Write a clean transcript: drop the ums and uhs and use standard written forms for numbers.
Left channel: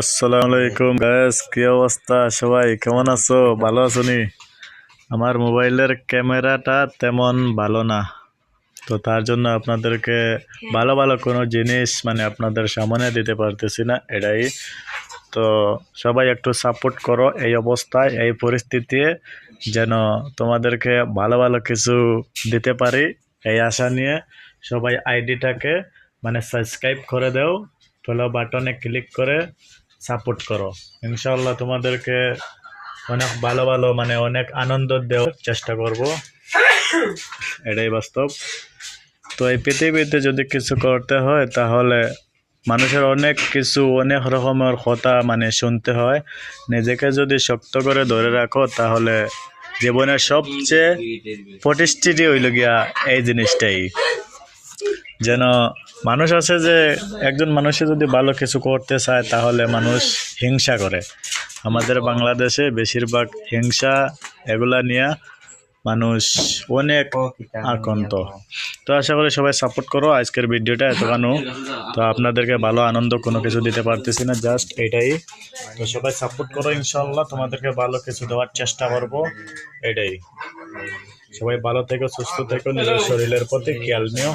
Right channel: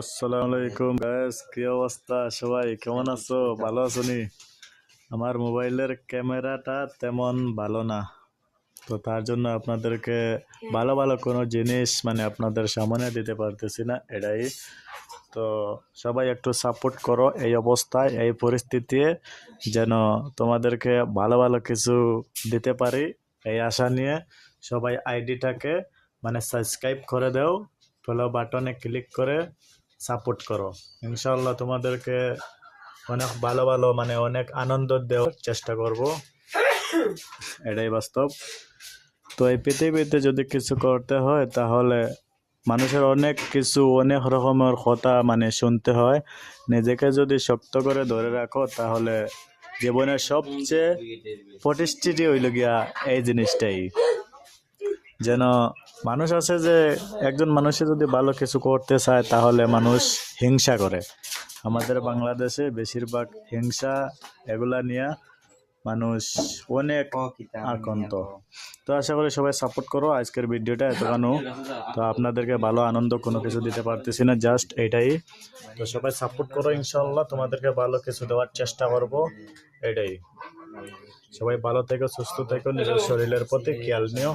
আসসালামু আলাইকুম গাইস, কি অবস্থা? সবাই কেমন আছো? ভালো আছো নি? আমার মোবাইলের ক্যামেরাটা তেমন ভালো না, তো তার জন্য আপনাদেরকে ভালো ভালো কোনো জিনিস আপনাদের সামনে দিতে পারতেছি না, এটাই। তো সবাই একটু সাপোর্ট করো এই অবস্থায়, এই পরিস্থিতি, যেন তোমাদেরকে ভালো ভালো কিছু দিতে পারি এই আশা নিয়ে। সবাই আইডিটাকে সাবস্ক্রাইব করে দাও, ফলো বাটনে ক্লিক করে সাপোর্ট করো। ইনশাআল্লাহ তোমাদেরকে অনেক ভালো ভালো অনেক আনন্দ দেওয়ার চেষ্টা করব, এটাই বাস্তব। তো এই পৃথিবীতে যদি কিছু করতে হয় তাহলে মানুষের অনেক কিছু, অনেক রকমের কথা শুনতে হয়। নিজেকে যদি শক্ত করে ধরে রাখো তাহলে জীবনের সবচেয়ে প্রতিষ্ঠিতি হইল গিয়া এই জিনিসটাই। যেন মানুষ আছে যে একজন মানুষে যদি ভালো কিছু করতে চায় তাহলে মানুষ হিংসা করে। আমাদের বাংলাদেশে বেশিরভাগ হিংসা এগুলা নিয়ে মানুষ অনেক আক্রান্ত। তো আশা করি সবাই সাপোর্ট করো। আজকের ভিডিওটা এতখানো, তো আপনাদেরকে ভালো আনন্দ কোনো কিছু দিতে পারতেছি না, জাস্ট এটাই। তো সবাই সাপোর্ট করো, ইনশাআল্লাহ তোমাদেরকে ভালো কিছু দেওয়ার চেষ্টা করব, এটাই। সবাই ভালো থেকো, সুস্থ থেকো, নিজের শরীরের প্রতি খেয়াল নিও।